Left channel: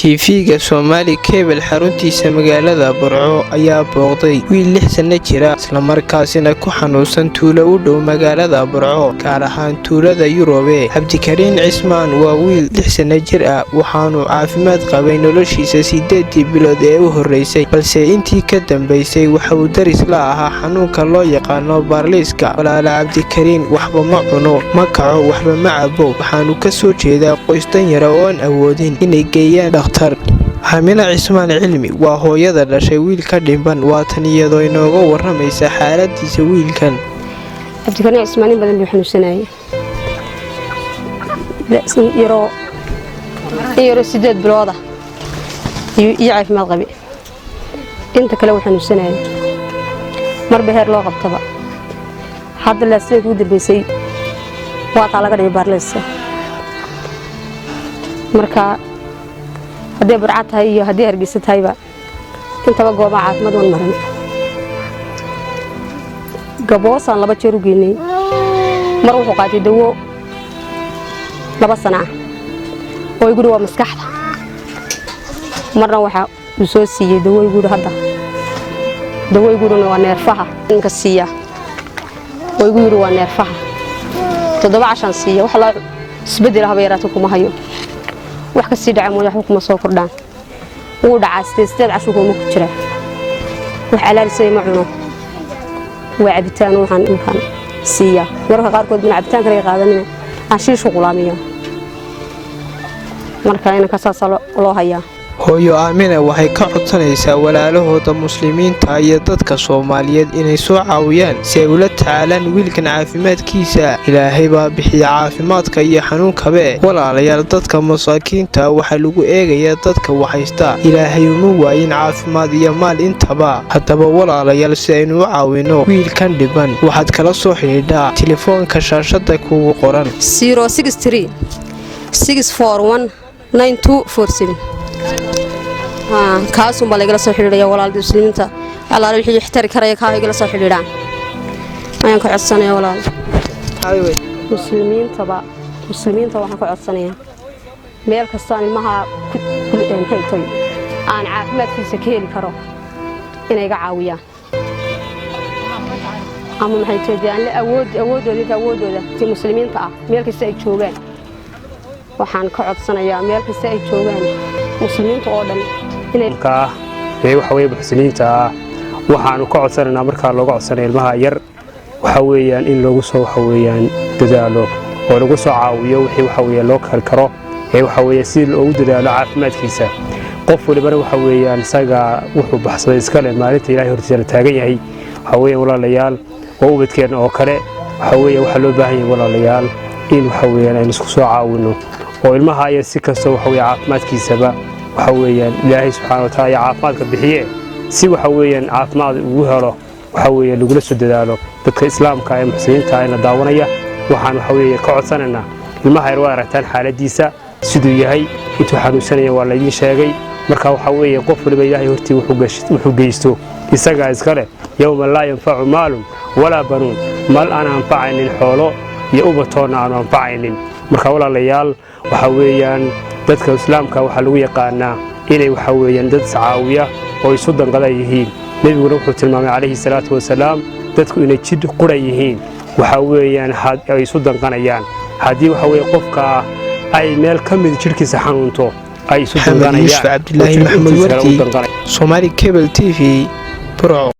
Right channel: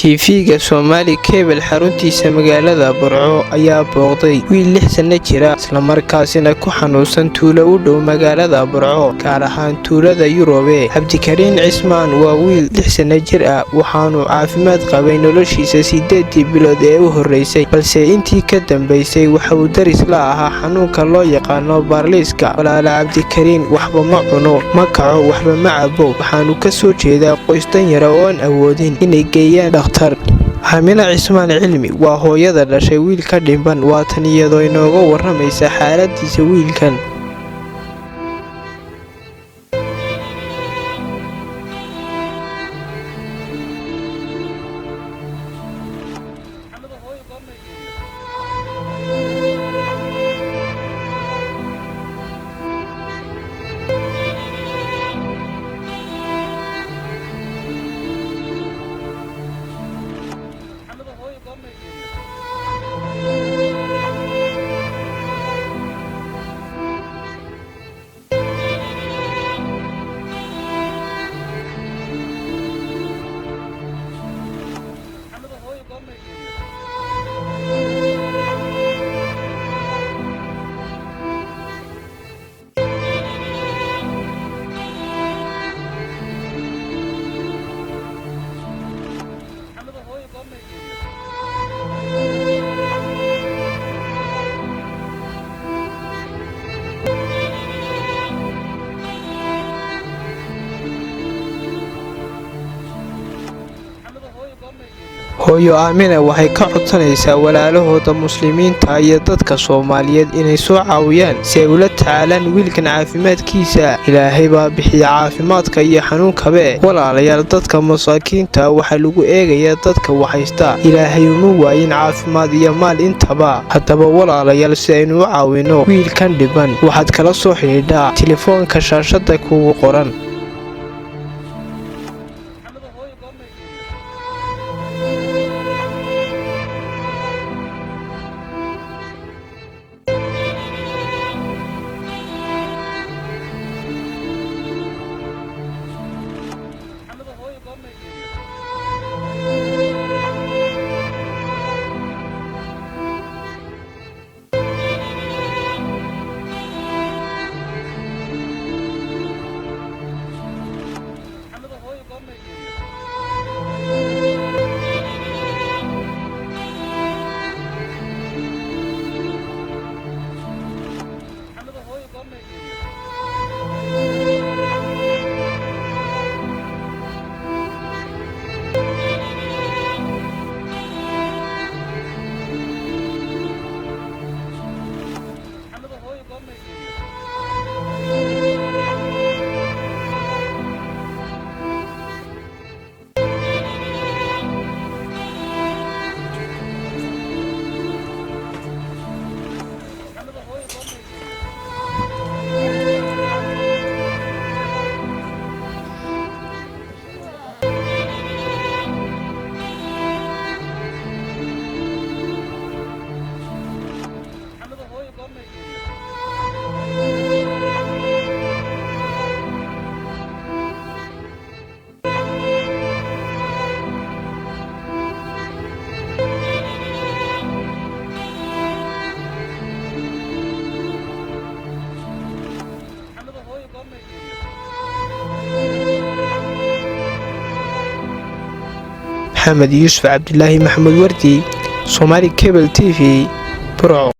TV-ga Somali Cable xaruntiisa magaalada Burco ayaa booqday wiil 6 sano jira isla markaasina ku xanuunsan tuulo u dhow magaalada Burco gaar ahaan tuulada Yurobe. Cabdikariin Cismaan waa wiil 6 sano jir ah waxaanu caafimaad qabay noloshiisa 8 bilood ee u horeysay balse intii ka dambeysay waxa uu daris la ahaa xanuunka loo yaqaano baarliiska. walaala Cabdikariin waxba ma cuno ma kaco waxba ma cabo waxaanu ka soo jeedaa qoys dan yar oo aan awoodin inay geeyaan dhakhtar. Xamina Cismaan Cilmi waa hooyada dhashay wiilka dhimban waatan iyadoo inooga waramaysa xaaladiisa wiilkan. Cabdikariin Cismaan badan buu xanuunsanayay yaro 8 bilooda iyo caafimaad qabi inta kale uu xanuunsanayay marba heer loo qabtaba hadda la sii ugu dambeysay waa laga dhigay baarliiska. marka haddii Burco tahay iyo haddii Hargeysa tahayba intaba gooba caafimaad u marin gaboosan 2 jeer u geynay mar uu qaatay dawo 2 sano oo igu waa maskaxda marna waxa uu soo siiyay dawo igu hadda dawo igu waa neerfaha inka siiya oo igu waa neerfaha 7 siiya wax la isbedel haba yarato kuma hayo wax ka sii dhacay wax kuma soo kordhaan uu dhacay 8 casho kuma ku jira wax alaalisay ma cuno waa cabitaan waxaan intaan siiya marka qaarkood ma cabitaan kale qaadanay ashiishu qulaamiyo marka in ka saasalo loo hayaa. hooyo Aamina waxay ka codsanaysaa walaalahooda muslimiinta iyo dadka Soomaaliyeed inay soo caawiyaan si ay ula tacaalaan wiilkan caafimaadkiisa. Ilaahay baa bixiya caafimaadka iyo xanuunkaba. walaalayaal dadka masaakiinta waxa lagu eegayaa dadka waxaysta Ilaahay uma waayin caafimaad iyo maal intaba. haddaba walaalayaal si aynu u caawino wiilkan dhiban waxaad kala soo xidhiidhaa telefoonka shaashada kugu qoran 063 641 9247 kaasoo baa laga soo xiriiraya walaal muslimiinta Allah wixii ixtiraam karaya ka laga soo xiriiraan ayaan ka codsanayaa walaal muslimiinta waxaan ka codsanayaa meel kasta ilmaha aan caafimaadkiisa ka heli karo inay iga caawiyaan ama maxay tahay awoodooda muslimiinta meel kasta ay joogaan waxaan ka codsanayaa meel kasta ay joogaan muslimiinta oo dhan inay waxa weeye muslimiinta waxaan ka codsanaynaa marka looga codsanayo ilmaha yar waxa weeyaan in lagu soo waxa weeyaan dadaalo oo lagu soo caawiyo wixii waxa weeye loo karo waxa weeye si loogu dadaalo caafimaadkiisa. qof waliba waxa weeyaan isaga wuxuu baxsaday iska leh maalinta Ilaahay hortiisa taagan yahay waxa weeye walaalayaal oo ubadkeen oo kale waxa weeye waxa loo baahan yahay walaalayaal in waxa weeyaan ay isku soo caawino oo ilmaha ay si kasta waxa weeye caafimaadkiisaba waxa weeyaan Ilaahay subhanahu wa ta'ala caafimaadka bixiye si waxa weeyaan caafimaad ugu helo waxa weeye lagu soo dadaalo dadka islaamka ay muslimiinta ay daawanaya waxaan waxa weeye ka codsanaynaa ilmaha yar waa aragtaan xaaladiisa sidoo yahay intuu xanuunsanaya waa la ii sheegay marka waxa weeye qof waliba Ilaahay hortii wuxuu geysto isaga iska leh yawma la yanfa'u maalun wala banuun mal ana anfa'aynin xoolo iyo ubatoona aan anfa'aynin. marka walaalayaal waxa weeyaan dadka islaamka waxa lagu yaqaanaa inay waxa weeyaan dad caawiya oo isu danqada yihiin. nabigu wuxuu tilmaamay calayhi salaatu wasalaam dadku inay jid qura yihiin waxa weeyaan ay isu danqanayaan hadii waxa weeye qofka ay meel ka mid jirkiisa xanuunto ay isu danqanayaan. Maxamed Yuusuf Cabdillaahi Maxamed Wardi Somali Cable TV Burco.